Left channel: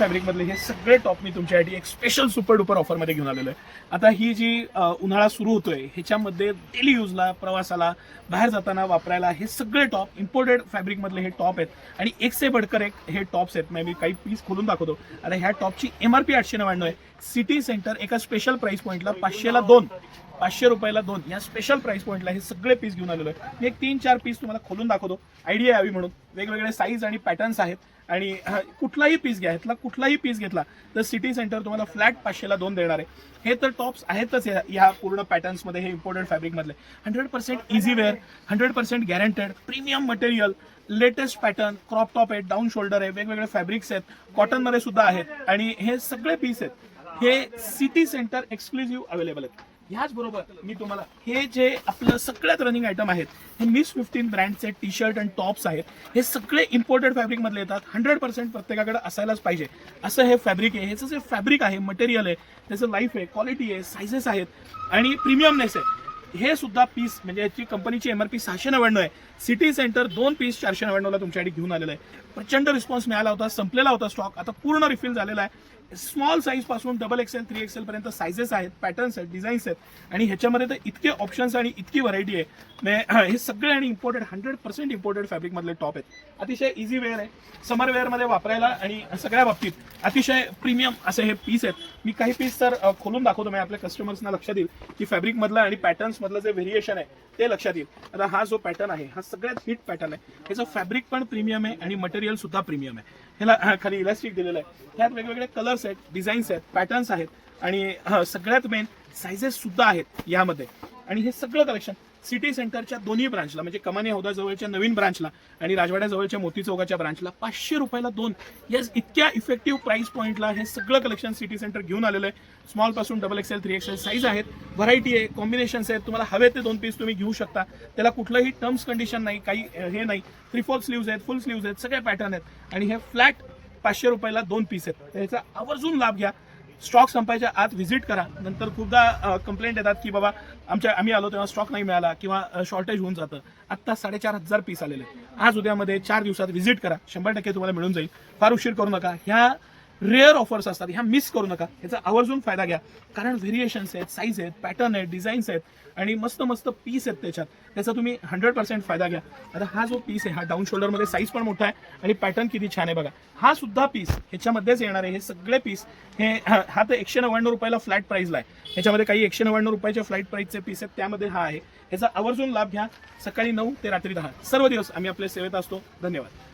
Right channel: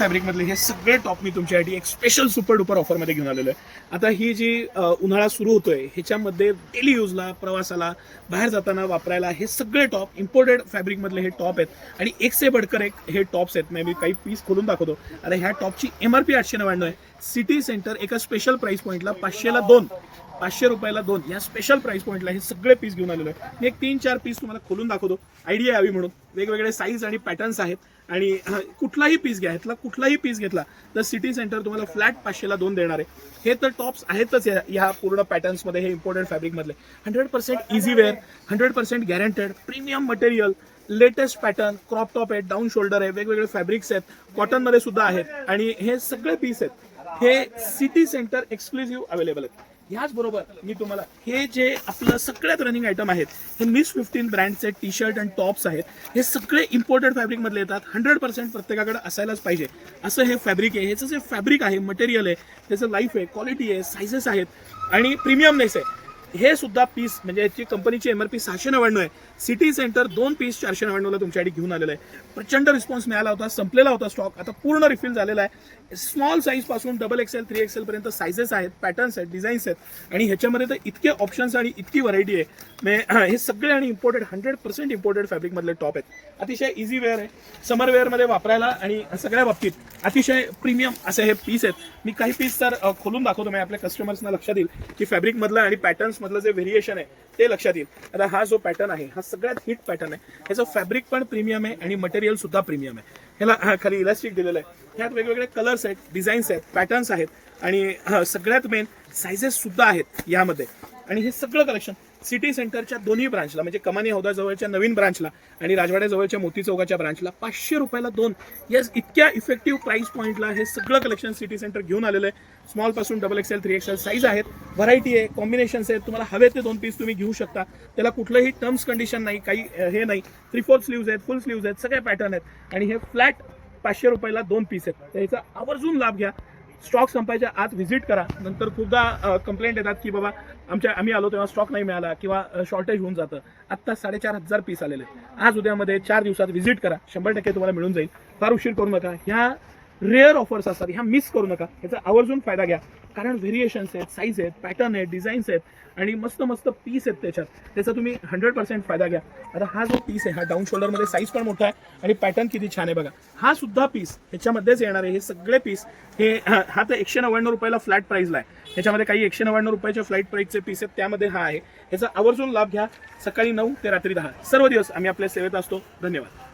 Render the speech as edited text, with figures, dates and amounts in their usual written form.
फॅब्रिकमधले हे सगळे टॉप मी तुमच्यासाठी एक स्पेशल सुपर डुपर ऑफरमध्ये घेऊन आलेलो आहे। आता ही जी उन्हाळा सुरू होतोय ह्याच्यामध्ये डेली यूजला, प्रवासाला, बाहेर जाताना वापरायला हे सगळे टॉप इम्पोर्टेड फॅब्रिकमधले हे टॉप आहेत आणि एक से बढ़कर एक हे टॉप्स आहेत। मी काही पीस खोलून दाखवतो। आता ह्या टॉपची MRP 899 आहे। सिटी सेंटर एका स्पेशल प्राइस पॉईंटला 500ला 2, 500 रुपयाला 2 या स्पेशल प्राइस पॉईंटला हे सगळे पीस घेऊन आलेलो आहे। मी एक 3-4 पीस तुम्हाला खोलून दाखवतो, आयडिया यावी म्हणून। वेगवेगळे साईज आणि पॅटर्न्स आहेत आणि कुठलाही पीस घ्या, ह्यातला कुठलाही पीस घेतला तर सिटी सेंटर तुम्हाला फ्लॅट 500ला 2 देणार आहे। हे तर टॉप्स आहेतच ह्या पूर्ण पॅटर्न्समध्ये, हे इम्पोर्टेड फॅब्रिकमधले 100% easy wear, 100% guaranteed, premium material, latest pattern, crop top आहे, डाऊन शोल्डर आहे, वेगवेगळे फॅब्रिक्स आहेत, कॉटनमध्ये सुद्धा आहेत आणि हे सगळे पीस आहेत हे सिटी सेंटर एक्सक्लुझिव्ह अवेलेबल आहेत। याचबरोबर मी तुम्हाला हे जे आपलं सगळ्यात रनिंग आयटम आहेत हे मिस 15 ब्रँडचे टी शर्ट आणि टॉप्स आहेत। हे सगळे इम्पोर्टेड फॅब्रिकमधले येतात। 100% प्रत्येकाकडे असायलाच पाहिजे असं हे फॅब्रिक आहे। ह्याचं जे फॅब्रिक आहे, मटेरियल आहे, त्याचं लाईफ आहे, क्वालिटी आहे, सायझेस आहेत आणि प्रीमियमनेस आहे। हे सुद्धा पीस म्हणजे याची कंपनीची MRP 699 आहे। सिटी सेंटर 2 पीस 499ला तुमच्यासाठी घेऊन आलेलं आहे। प्रचंड रिस्पॉन्स मिळाला होता, संपलेला होता स्टॉक, आता पूर्ण रिफिल झालेला आहे। स्मॉल साईज पासून XXL 3XL पर्यंत सायझेस आहेत, पॅटर्न्स आहेत, डिझाईन्स आहेत आणि ह्याच्यामध्ये तर इतके ऑप्शन्स आणि इतकी व्हरायटी आहे। हे सगळे आणि इम्पोर्टेड 100% इम्पोर्टेड फॅब्रिकमधले टॉप आहेत। अतिशय इझी वेअर आहे, समर वेअरमध्ये वापरायला आणि सगळ्या बाबतीत अतिशय प्रीमियम असे हे पीस आहेत। मी काही पीस तर खोलून दाखवतो, मी आपल्या कस्टमर्सना लक्षात येईल की फॅब्रिकमधलं आणि पॅटर्न्समधलं जे व्हेरिएशन आहे ते लक्षात येईल। आता हा जो पॅटर्न आहे हा सगळ्यात हिट पॅटर्न आहे। ह्याचं फॅब्रिक पण प्रीमियम आहे आणि मटेरियल सुद्धा प्रीमियम आहे। ह्याला खाली इलास्टिक दिलेलं आहे। ह्यात वेगवेगळे कलर्स आहेत, डिझाईन्स आहेत, पॅटर्न्स आहेत आणि सगळ्यात मेन सायझेस सुद्धा आहेत यामध्ये। आणि हे सगळं कलेक्शन सिटी सेंटरच्या दोन्ही ब्रांचला म्हणजे कमानी हौदा जवळच्या नवीन ब्रांचला आणि राजवाड्या जवळच्या मोती चौकाच्या ब्रांचला 500 रुपयाला 2 या इतक्या इफेक्टिव्ह प्राइस पॉईंटला हे सगळं कलेक्शन सिटी सेंटर घेऊन आलेलं आहे। स्मॉल पासून XXL 3XL साईज आहेत, व्हरायटी आहे, कॉम्बिनेशन्स आहेत। तुम्हाला हवे ते 2 पीस तुम्ही घेऊ शकता, त्याला कुठलंही टर्म्स कंडिशन नाही, काही हे नाही। 3/4 स्लीव्ज आहेत, फुल स्लीव्ज आहेत, सगळे पॅटर्न आहेत आणि हे फ्लॅट 500 रुपयाला 2 पीस आहेत। तर ह्याचा आवर्जून लाभ घ्या। स्टॉक संपायच्या आत व्हिजिट करा। नंतर खूपदा कंप्लेंट येतात की बाबा आम्ही आलो तेव्हा स्टॉक नाही मिळाला किंवा शॉर्टेज होऊन जातं। आत्ता 4500 पीस आलेले आज उद्यामध्ये 4 दिवसात व्हिजिट करा, 100% तुम्हाला मिळून जाईल। फार उशीर करू नका, ह्या रेअर ऑफर्स असतात, ह्या मिस करू नका, ह्याचा आवर्जून फायदा घ्या। कारण व्हेरिएशन्स आहेत, साईज आहेत, पॅटर्न आहेत, डिझाईन्स आहेत आणि मस्त मस्त पीस आहेत त्याच्यात, त्याचा तुम्ही 100% फायदा घ्या। आता हा जो पीस आहे हा डाऊन शोल्डरमध्ये साईज पण मोठा आहे आणि पॅटर्न किती छान आहे बघा। हा सुद्धा पीस ह्याच्यामध्येच येणार आहे। हे सगळे पीस हे हा तर 199 रुपयाला फ्लॅट प्राईसला आहे। ह्याच्यामध्ये काही 199 रुपयाच्या फ्लॅट प्राईसचे पीस आहेत, त्यामध्ये हा आहे। ह्याचा आवर्जून लाभ घ्या। सकाळी 9 ते रात्री 10 सर्व दिवस आम्ही आपल्या सेवेत असतो। धन्यवाद।